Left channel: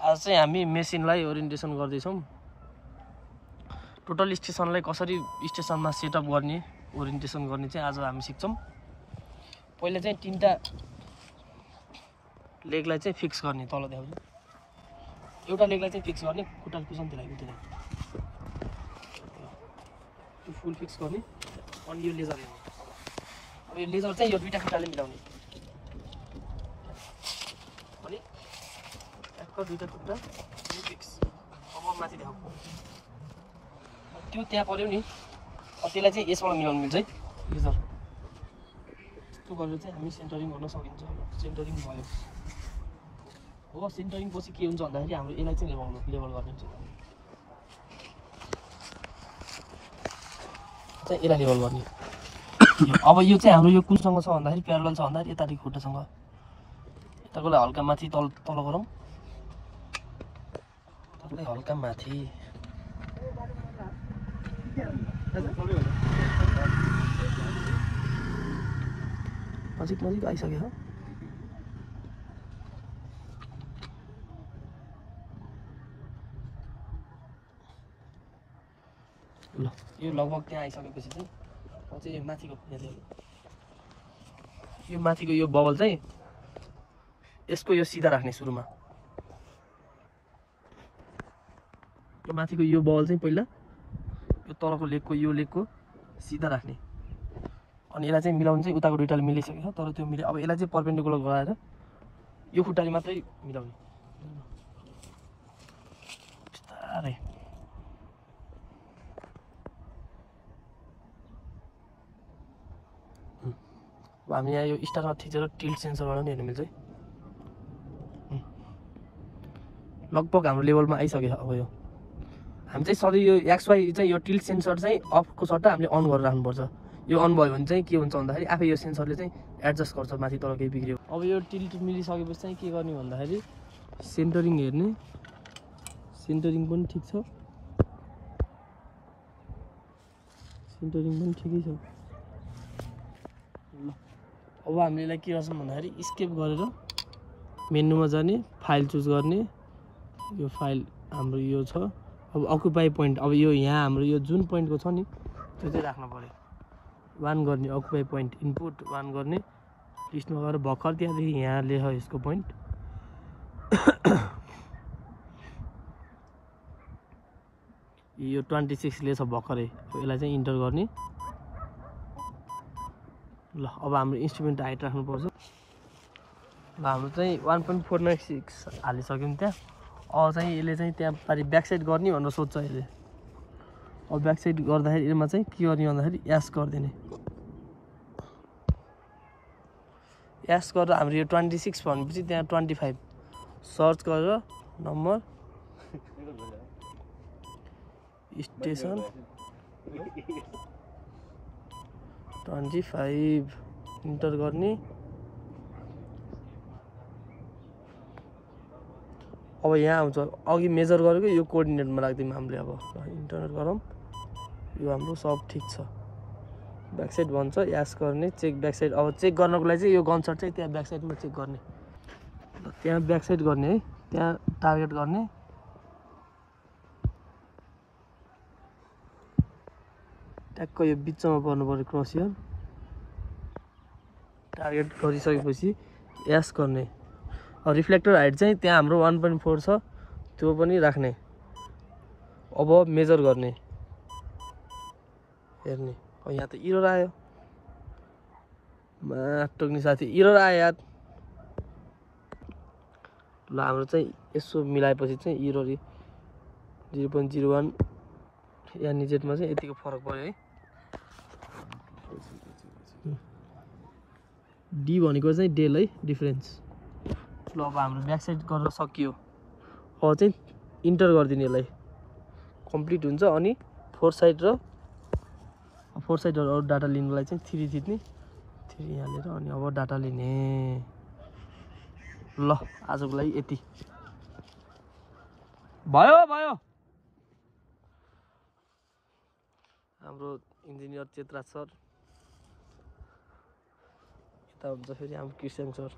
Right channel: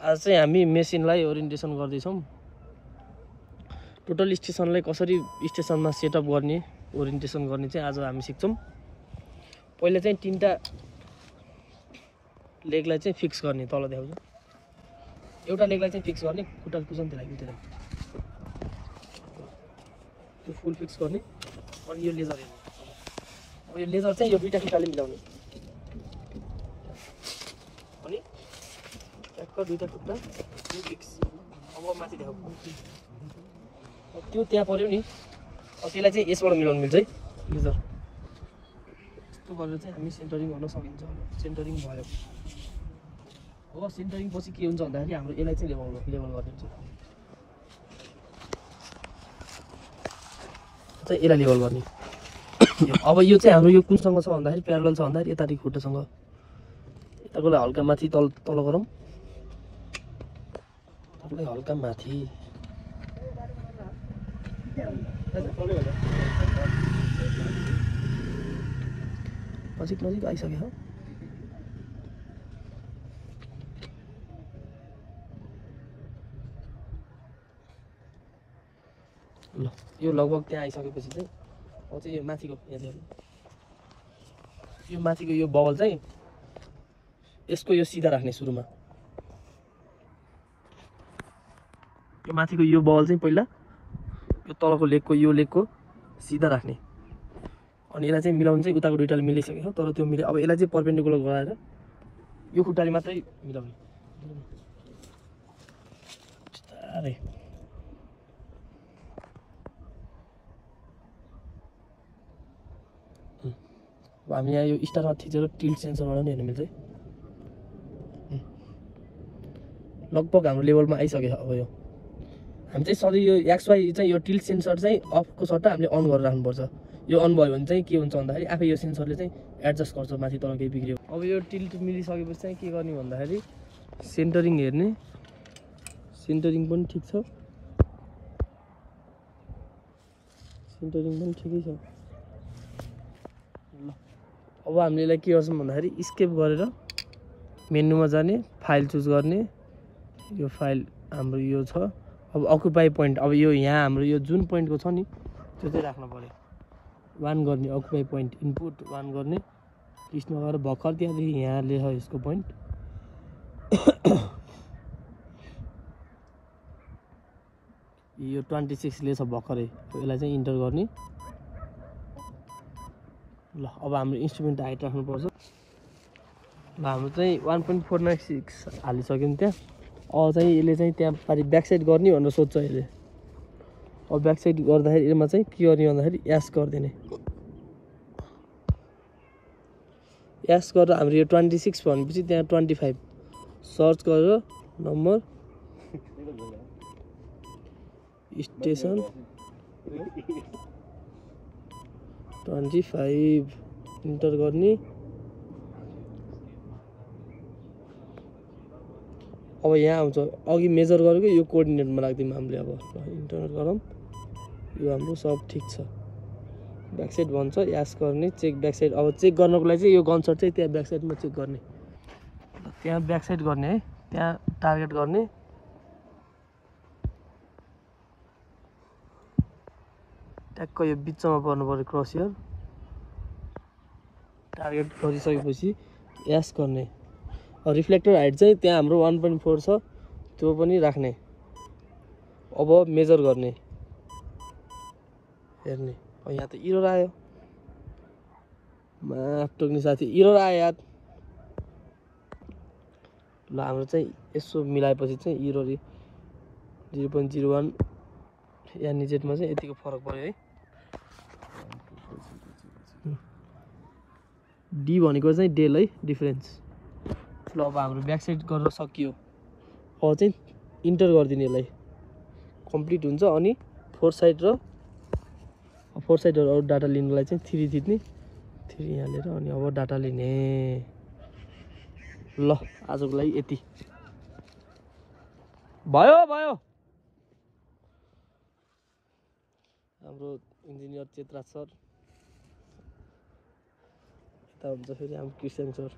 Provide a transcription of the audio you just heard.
आज चाहिँ हामी मेसिनलाई ओरिएन्टेसन गर्दैछौँ। टोटल स्टेसनलाई कसरी स्टेसनमा सेटअप गर्ने ओरिएन्टेसन गर्ने चाहिँ आज हामी सिक्छौँ। पहिले चाहिँ तीनटा लेगलाई चाहिँ फिक्स गर्ने, तल देखाउँछु। एउटा लेगलाई चाहिँ फिक्स गर्ने, खुट्टा कुसन दिलाइदिनु त्यसलाई। त्यो फुल फिक्स गर्ने। अनि यो लेजर हेर्ने। अब यो लेजर चाहिँ यो दुईटा खुट्टाले मिलाउने। अनि ट्याक्क दुईटा खुट्टा यो फिक्स। अब माथि देखाउँ। त्यो त्यहाँ पर्यो नि, त्यसलाई चाहिँ यसबाट मिलाउनु मिल्छ है लेजर। त्यस्तो गरेर चाहिँ हामी सेन्टरिङ गर्न सकिन्छ। सेन्टरिङ भयो हो। सेन्टरिङ पछि के हुन्छ भन्दाखेरि हाम्रो यसलाई चाहिँ लेभल गरिदिन्छ। चाहिँ यसलाई लेभल गर्ने। अब यो चाहिँ हाम्रो यो कुनसँग छ भन्दाखेरि प्यारल छ भन्दाखेरि यतापट्टि खुट्टासँग यताकोलाई हल्का माथि तल गरौँ। हल्का माथि नजिक आइसक्यो। ल यो लगभग त्यहाँ आइसकेपछि चाहिँ अब चाहिँ यो माथिको यो बल चाहिँ यसको यो सिधा राख्ने। सुरुमा यो माथिको यो बल चाहिँ पहिला यो तलको लेगको सिधा राख्ने। अनि यसलाई चाहिँ मिलाउनु चाहिँ उताको दुईटाले मिलिसकेको छ, तर त्यो अब यसलाई चाहिँ परपेन्डिकुलर गराएर यो खुट्टाले मात्रै मिलाउने। बिस्तारै अब हामी यहाँ यो स्टारमा थिचेर टिल्ट सेन्सरबाट पनि हेर्नु मिल्छ है। लगभग हाम्रो लेभलमा आइसक्यो। अब यो हामी चाहिँ सधैँ यो XY चाहिँ यो टिल्ट सेन्सर चाहिँ अफको सट्टा हामीले अन गरेर राख्नुपर्छ। यो अन भयो भने चाहिँ के हुन्छ भन्दाखेरि आफै यो सेन्सरले चाहिँ एडजस्ट गर्छ माथि तल केही बिग्रियो। अब यो टिल्ट मिलिसकेपछि चाहिँ के गर्ने भन्दाखेरि सेन्टरिङ हेर्ने। सेन्टरिङ पनि ठिक छ, सेन्टरिङ पनि ठिकै छ। ल अब हामीले यसलाई के गर्छौँ भन्दाखेरि स्केप गरेर मेनुमा जाने, फाइल चुज गर्ने। यो फाइल हाम्रो यो छ। अब अकुपाई पोइन्ट, अब यो यहाँ हाम्रो यो जुन पोइन्टको छ नि त्यो चाहिँ राख्नु पऱ्यो। 1 गर्ने अकुपाई पोइन्ट, इनपुट 1 गर्ने। लिस्टमा गएर भर्खर त्यहाँदेखि यहाँ लेख यसको पोइन्ट। यो 26 लेछ भर्खरै, यसलाई चाहिँ इन्टर गर्ने। ल अब हाम्रो इन्स्ट्रुमेन्ट हाइट राख्नुपर्छ। ल हाम्रो चाहिँ 1.496 हालिसक्यो नि त्यहाँ। अब चाहिँ यसले चाहिँ त्यहाँ पारि ब्याक साइड गर्ने भनेर सोध्छ यसले। अब ब्याक साइड गर्दाखेरि यसमा चाहिँ के गर्ने भन्दाखेरि यास गरिदिने। यास गरेर हाम्रो यो 26 भनेपछि त्यहाँ 25 सर्च गरेर नम्बर स्टेसन 25 इन्टर गर्ने। अब यहाँ आउँछ अघि मेजर गरेको यो कोअर्डिनेटमा राख्दिउँ हामीले। अब इन्टर गरौँ। यो हाम्रो सब ठिक छ। ब्याक साइड भन्छ, यास गर्ने, चेक ब्याक साइड। अब चेक गर्नको लागि चाहिँ यो गन सर्ट चाहिँ त्यहाँ ब्याक साइडमा चेक गर्ने। त्यहाँ ब्याक साइड गर्ने है, त्यहाँ टार्गेट गर्ने। ट्याक्क यो बिचमा पर्नु पर्यो क्रस हियर। टार्गेट गरिसकेपछि यास गर्ने। रिफ्लेक्टर हाइट चाहिँ त्यहाँ हाम्रो 1.4 छ, त्यो पनि राख्ने। अब मेजर गर्ने, हेर्ने। यहाँ त इरर आयो, टोक्ने साथी इरर आयो यार। ल हाम्रो चाहिँ यसो मिलाएपछि चाहिँ इरर 0.01 यानि जेटमा चाहिँ यतिको फरक पऱ्यो है। डी भनेको चाहिँ डेल है, डिफरेन्स। ल अब हाम्रो ब्याक साइड गर्न सकियो। अब चाहिँ इन्टर गरिदिने, यसलाई कम्प्लिट हुन्छ। अनि फोर साइडहरू अरू डाटा लिनुलाई चाहिँ 3 थिच्ने, 3 यहाँ लिएर अनि अब डाटा लिने। ल आजको लागि यति भयो। हाम्रो इन्जिनियर चेतराज सर, यता हुन्छ फेरि हाम्रो क्रिस्चियन सर।